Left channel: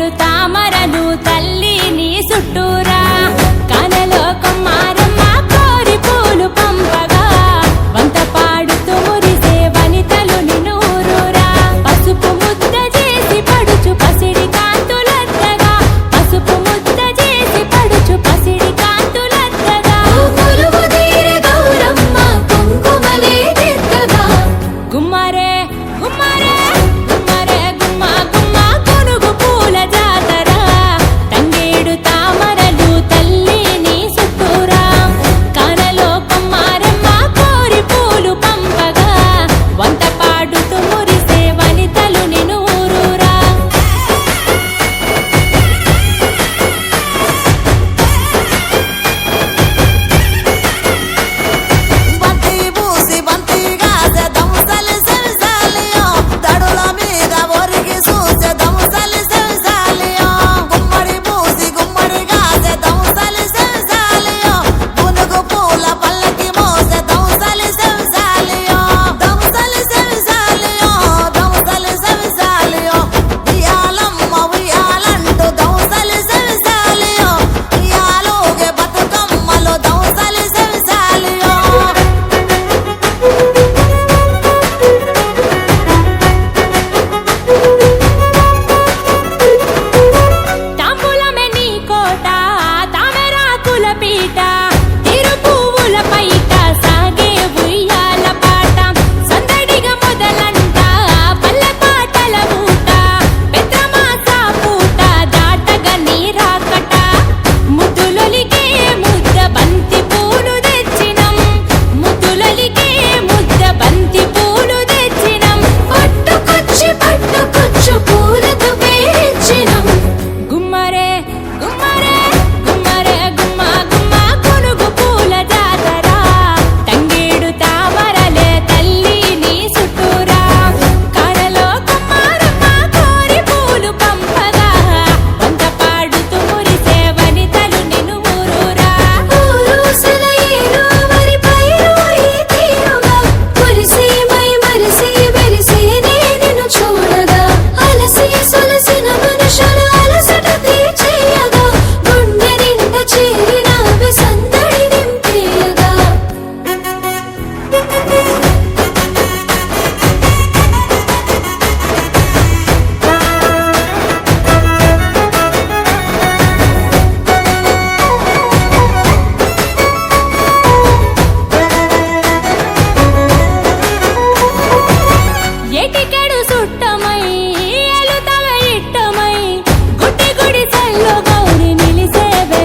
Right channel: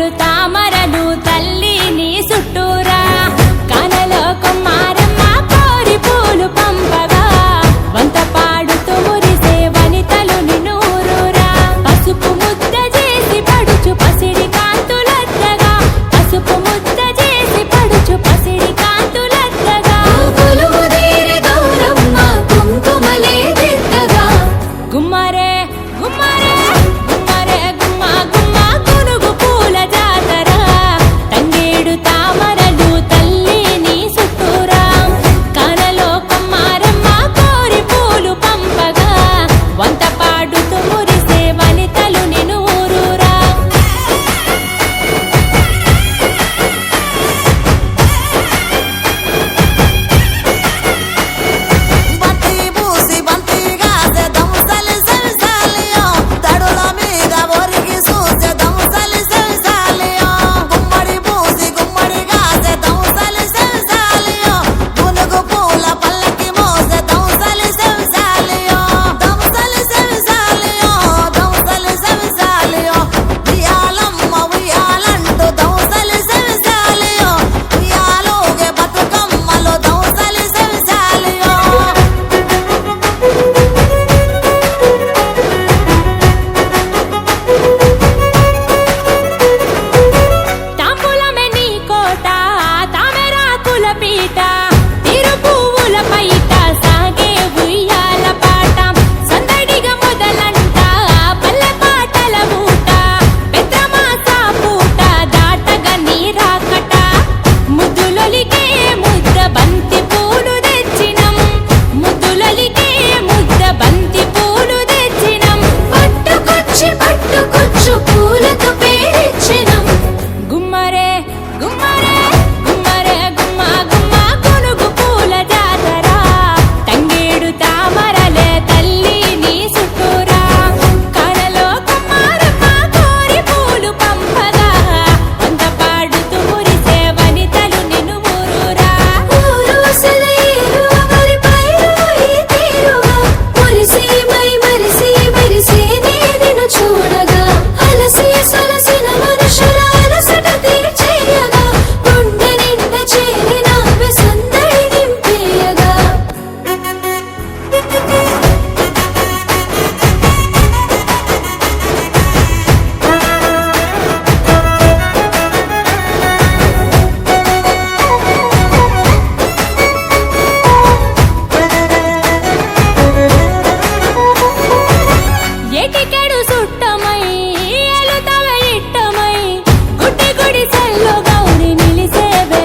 తంగేడు తామరలు తల్లి నీ చుట్టూరా కానలో కొమ్మారమ్మ కోరి పూలు పంపగా వంత పాడుతూ మురిసే వనితలు నిన్నూరురా పసుపు ముద్ద చేసి పడుచు పసిడి కాంతులద్దగా పసుపు ముద్ద చేసి పడుచు పసిడి కాంతులద్దగా గుమ్మరే గుమ్మరే గుమ్మరే గుమ్మ గుమ్మ గునుగు పూల జాతర తంగేడు తామరలు తల్లి నీ చుట్టూరా కానలో కొమ్మారమ్మ కోరి పూలు పంపగా వంత పాడుతూ మురిసే వనితలు నిన్నూరురా బంతి పూసి బంతిగా దముసలి సెవిసాలియో తడుల మీద ఒరిగి చూసే దముసలి సెవిసాలియో గుమ్మడి పూసి గుమ్మడిగా దముసలి సెవిసాలియో గునుగు పూల పల్లకి మోసే దముసలి సెవిసాలియో దముసలి సెవిసాలియో దముసలి సెవిసాలియో ఉయ్యాలమ్మ ఉయ్యాలంటూ దముసలి సెవిసాలియో ఉయ్యాలోగే బతుకమ్మలో దముసలి సెవిసాలియో తాంబూలమే నీ కోట తామెరాకుల పీట తిరు పువ్వుల పైట సాగే ఉయ్యాల పాట సందడిగా మొదలంట పల్లె పాటల ఊట పెద్రమాస పూట దాటగా నీరాకట ముద్దులొలికే ముద్ద బంతి పూలు తెచ్చినం ముద్దులొలికే ముద్ద బంతి పూలు తెచ్చినం పట్టుకొచ్చు పూలకు పేర్చినం గుమ్మరే గుమ్మరే గుమ్మరే గుమ్మ గుమ్మ గునుగు పూల జాతర తంగేడు తామరలే తల్లి నీ చుట్టూరా కానలో కొమ్మారమ్మ కోరి పూలు పంపగా వంత పాడుతూ మురిసే వనితలు నిన్ను ఊరూరా ఏటికెడు సుట్టమై ఎలుతవ ఇట్టమై గుడ్డి గుడి సెల్లు గౌరి నిలిసేవే